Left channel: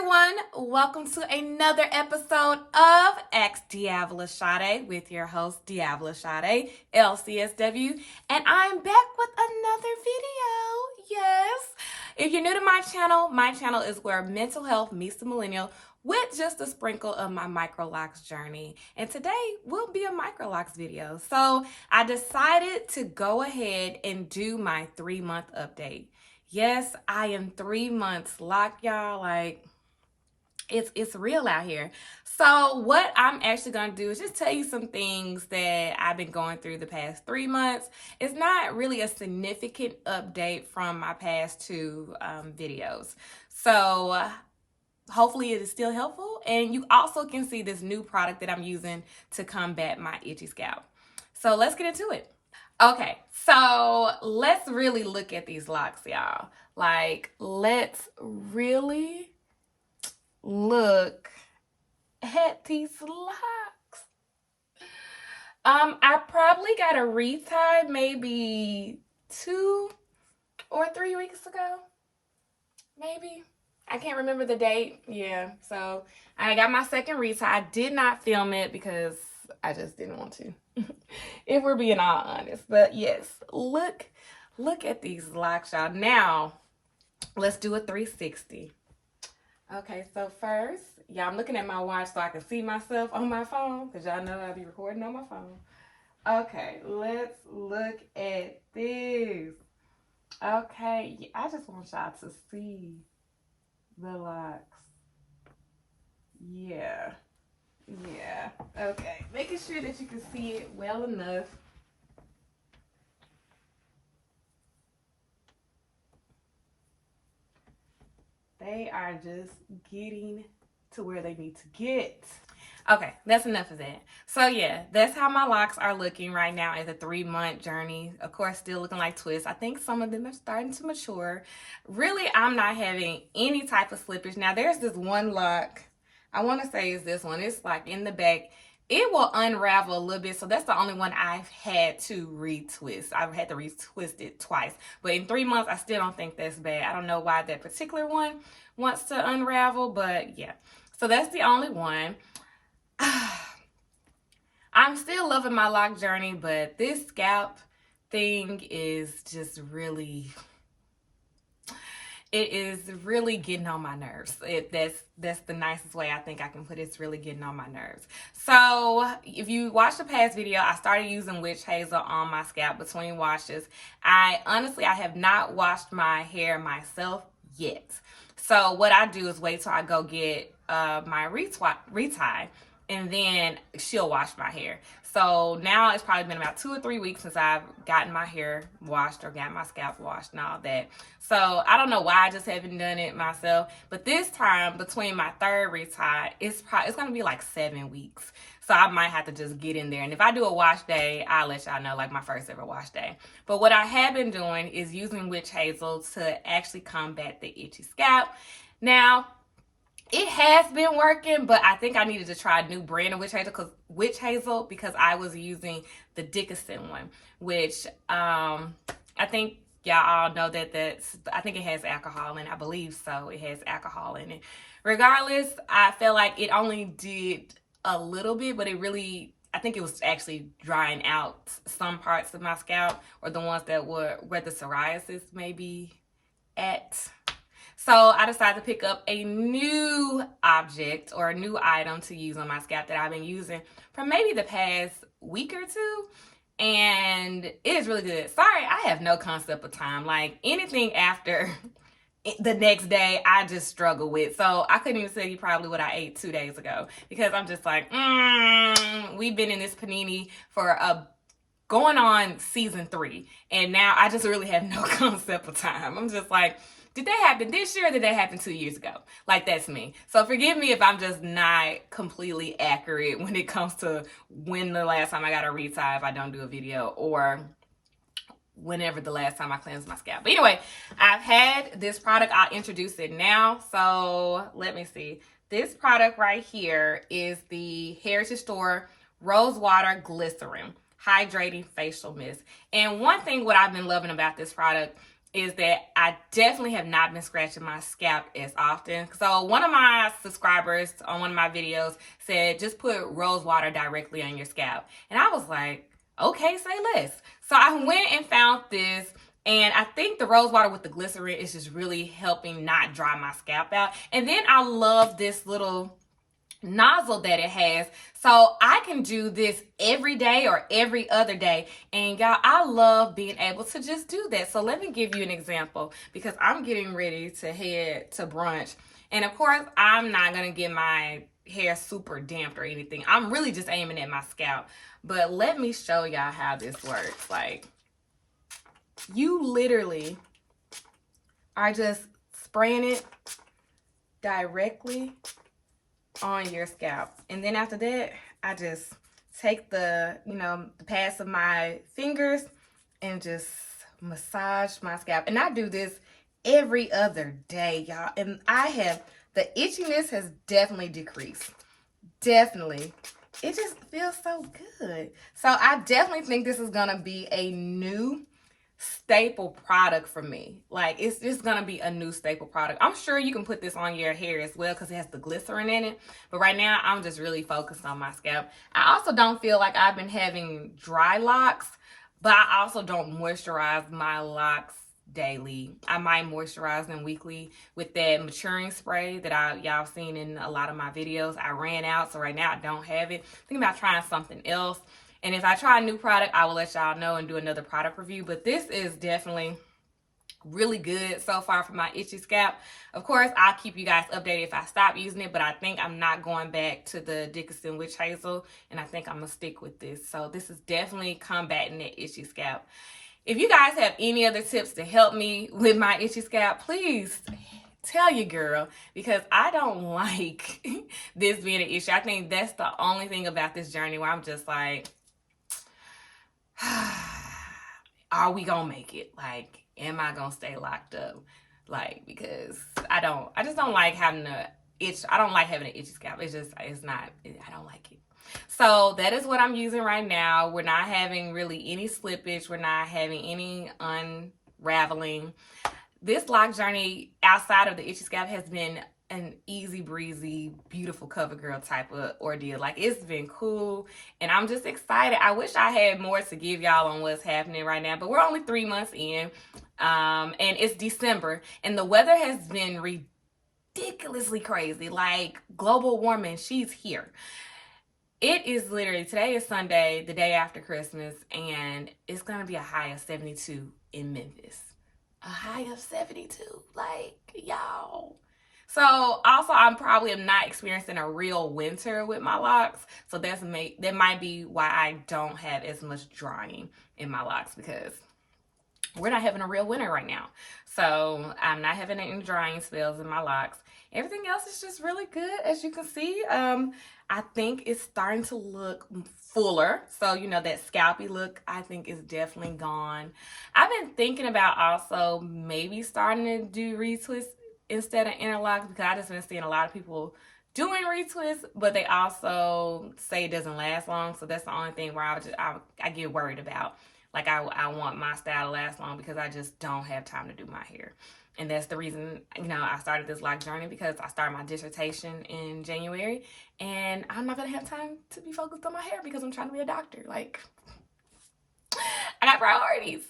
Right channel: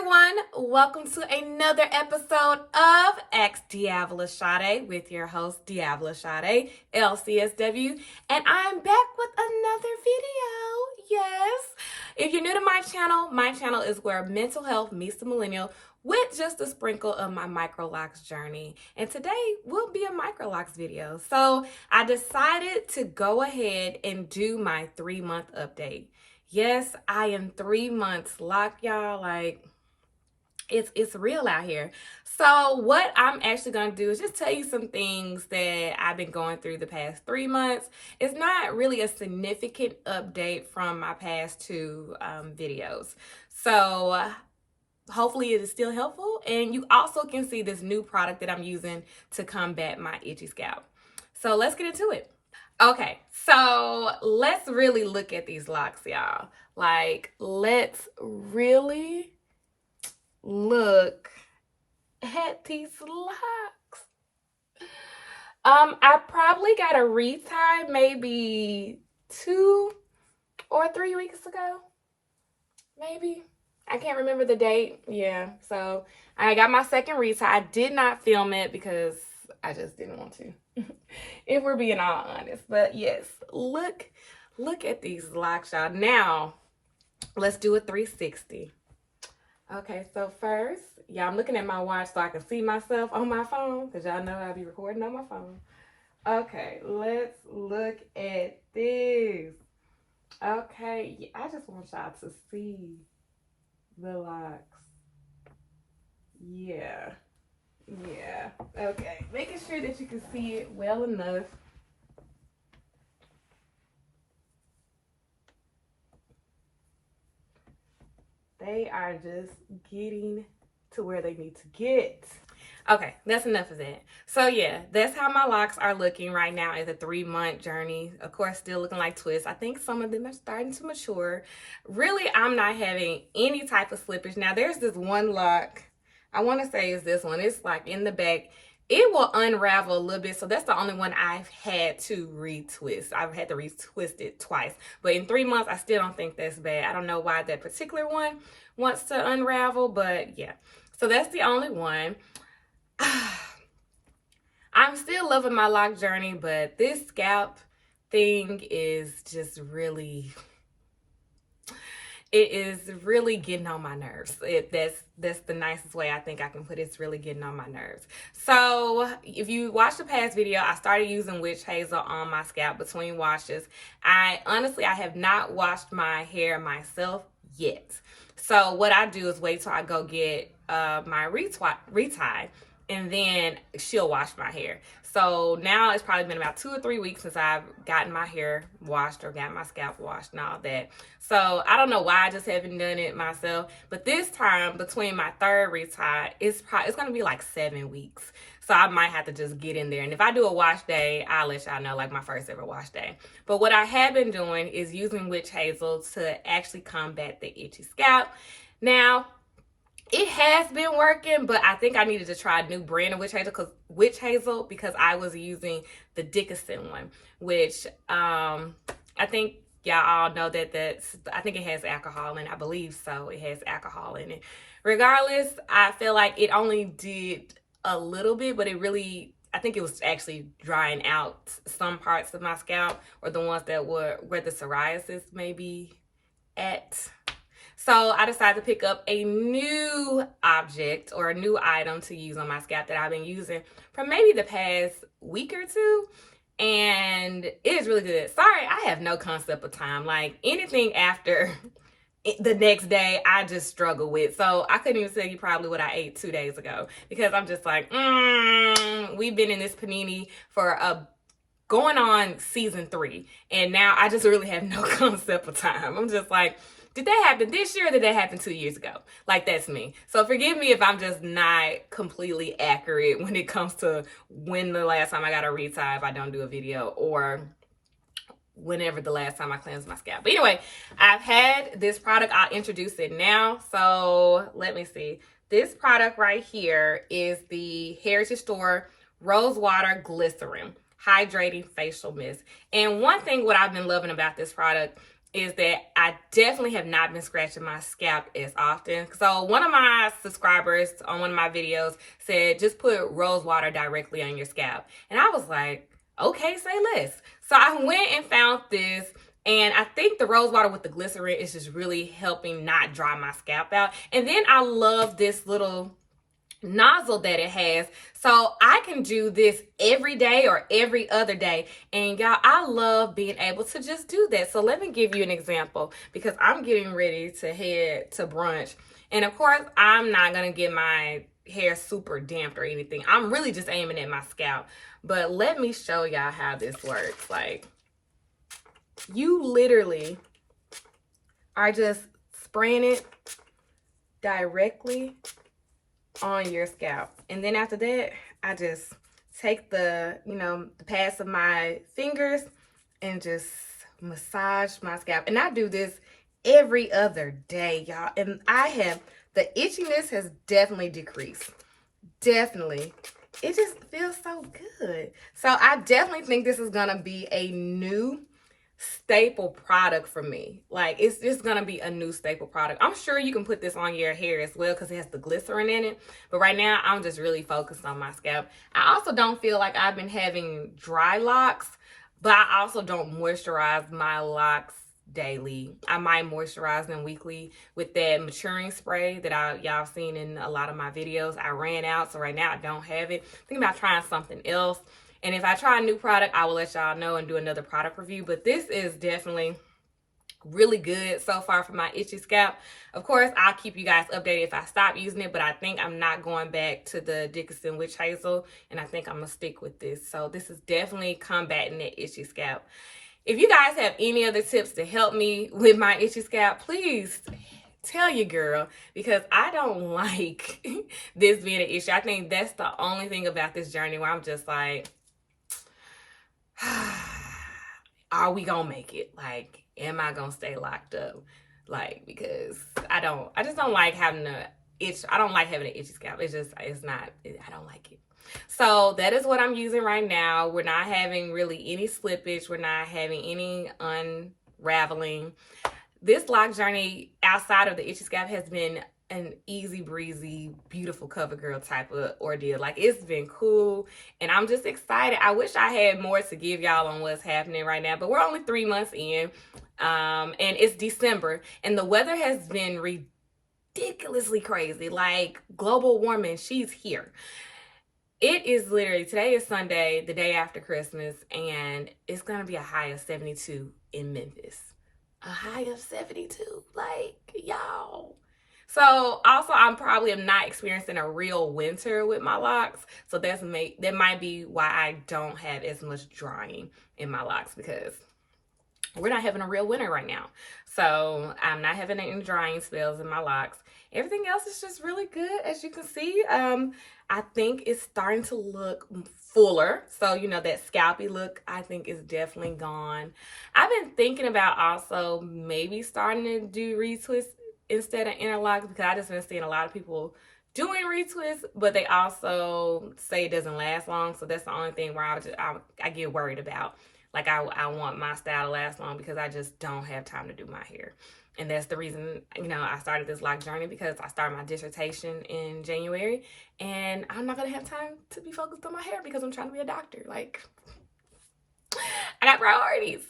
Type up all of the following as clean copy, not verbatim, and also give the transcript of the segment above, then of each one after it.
everyone, welcome to another episode of Ask DeAvila Sadé with your host DeAvila Sadé, LCSW, and I'm back with another video. Yes, if you're new to my channel is where mental health meets the millennial with just a sprinkle of my Microlocs journey. And today will be a Microlocs video. So I decided to go ahead and do my 3-month update. Yes, I am 3 months locked, y'all. Like, it's real out here. So what I'm actually going to do is just tell you some things that I've been going through the past 3 months. It's not really a significant update from my past two videos. So hopefully it is still helpful. And you also can see this new product that I'm using to combat my itchy scalp. So let's get into it. Okay, so let's really look at these locks, y'all. Like, let's really look at these locks. I probably got a retie maybe 2 or 3 weeks ago. Maybe. I can't remember the date. Yeah, so I got my second retie. I did not film it because I just didn't want to. If we're being all honest. But yes, look at these locks, y'all. Now, let's do a 360. Okay, so first, yeah, I'm looking at my watch so I can see myself on my phone because y'all know I'll be recording on my phone. Okay, let's look at this. Okay, I just want y'all to see the locks. Yeah. Okay, making sure that you can see it well enough. They are just getting to where they need to get. Okay, that's enough of that. So yeah, that's how my locks are looking right now as a 3-month journey. Of course, still looking like twists. I think some of them are starting to mature. Really, I'm not having any type of slippage. Now, there's this one lock. I want to say is this one. It's like in the back. It will unravel a little bit. So that's the only one I've had to retwist. I've had to retwist it twice. But in 3 months, I still don't think that's bad. I don't know why that particular one wants to unravel. But yeah. So that's the only one. I'm still loving my lock journey. But this scalp thing is just really... It is really getting on my nerves. That's the nicest way I think I can put it. It's really getting on my nerves. So if you watched the past video, I started using witch hazel on my scalp between washes. I have not washed my hair myself yet. So what I do is wait till I go get my retie, and then she'll wash my hair. So now it's probably been about 2 or 3 weeks since I've gotten my hair washed or gotten my scalp washed and all that. So I don't know why I just haven't done it myself. But this time, between my third retie, it's going to be like 7 weeks. So I might have to just get in there. And if I do a wash day, I'll let y'all know, like my first ever wash day. But what I have been doing is using witch hazel to actually combat the itchy scalp. Now, it has been working, but I think I needed to try a new brand of witch hazel because I was using the Dickinson one, which I think y'all all know I think it has alcohol in it. I believe so. It has alcohol in it. Regardless, I feel like it only did a little bit, but I think it was actually drying out some parts of my scalp, or the ones that were where the psoriasis may be at. So I decided to pick up a new object or a new item to use on my scalp that I've been using for maybe the past week or two. And it is really good. Sorry, I have no concept of time. Like, anything after the next day, I just struggle with. So I couldn't even tell you probably what I ate 2 days ago, because I'm just like, we've been in this panini for going on season 3. And now I just really have no concept of time. I'm just like, did that happen this year or did that happen 2 years ago? Like, that's me. So forgive me if I'm just not completely accurate when it comes to when the last time I got a retie if I don't do a video, or whenever the last time I cleansed my scalp. But anyway, I've had this product. I'll introduce it now. So let me see. This product right here is the Heritage Store Rose Water Glycerin Hydrating Facial Mist. And one thing what I've been loving about this product is that I definitely have not been scratching my scalp as often. So one of my subscribers on one of my videos said, just put rose water directly on your scalp. And I was like, okay, say less. So I went and found this, and I think the rose water with the glycerin is just really helping not dry my scalp out. And then I love this little nozzle that it has, so I can do this every day or every other day. And y'all, I love being able to just do that. So let me give you an example, because I'm getting ready to head to brunch, and of course I'm not gonna get my hair super damped or anything. I'm really just aiming at my scalp. But let me show y'all how this works. Like, you literally are just spraying it directly on your scalp, and then after that I just take the the pads of my fingers and just massage my scalp. And I do this every other day, y'all, and the itchiness has definitely decreased. Definitely. It just feels so good. So I definitely think this is gonna be a new staple product for me. Like, it's just gonna be a new staple product. I'm sure you can put this on your hair as well because it has the glycerin in it, but right now I'm just really focused on my scalp. I also don't feel like I've been having dry locks, but I also don't moisturize my locks daily. I might moisturize them weekly with that maturing spray that y'all seen in a lot of my videos. I ran out, so right now I don't have it. Thinking about trying something else. And if I try a new product, I will let y'all know and do another product review. But this is definitely really good so far for my itchy scalp. Of course, I'll keep you guys updated if I stop using it, but I think I'm not going back to the Dickinson Witch Hazel, and I think I'm gonna stick with this. So this is definitely combating that itchy scalp. If you guys have any other tips to help me with my itchy scalp, please tell your girl, because I don't like this being an issue. I think that's the only thing about this journey where I'm just like, are we gonna make it? Like, am I gonna stay locked up? Like, because I just don't like having a itch. I don't like having an itchy scalp. I don't like it. So that is what I'm using right now. We're not having really any slippage. We're not having any unraveling. This lock journey outside of the itchy scalp has been an easy breezy, beautiful cover girl type of ordeal. Like, it's been cool, and I'm just excited. I wish I had more to give y'all on what's happening right now, but we're only 3 months in, and it's December, and the weather has been ridiculously crazy. Like, global warming, she's here. It is literally, today is Sunday, the day after Christmas, and it's gonna be a high of 72 in Memphis. A high of 72, like, y'all. So also, I'm probably not experiencing a real winter with my locks. So that might be why I don't have as much drying in my locks, because we're not having a real winter right now. So I'm not having any drying spells in my locks. Everything else is just really good, as you can see. I think it's starting to look fuller. So, that scalpy look, I think, is definitely gone. I've been thinking about also maybe starting to do retwists instead of interlocks, because I just been seeing a lot of people doing retwists, but they also say it doesn't last long. So that's the only thing where I get worried about. Like, I want my style to last long, because I just don't have time to do my hair. And that's the reason, I started this lock journey, because I started my dissertation in January, and I'm not going to have time to be focused on my hair because I'm trying to be a doctor. Like, I got priorities.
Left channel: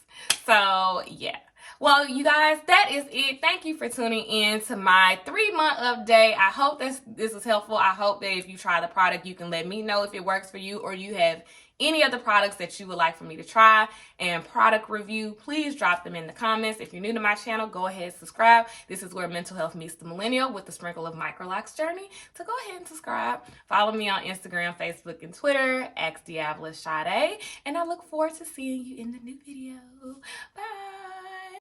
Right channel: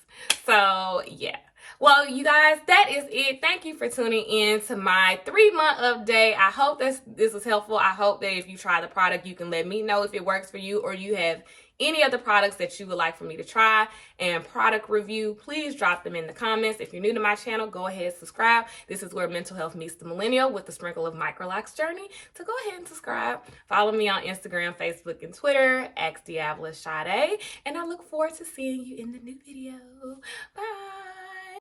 So, yeah. Well, you guys, that is it. Thank you for tuning in to my 3-month update. I hope this was helpful. I hope that if you try the product, you can let me know if it works for you, or you have any other products that you would like for me to try and product review. Please drop them in the comments. If you're new to my channel, go ahead and subscribe. This is where mental health meets the millennial, with a sprinkle of Microlocs journey. So go ahead and subscribe. Follow me on Instagram, Facebook, and Twitter, @DeAvila Sadé. And I look forward to seeing you in the new video. Bye.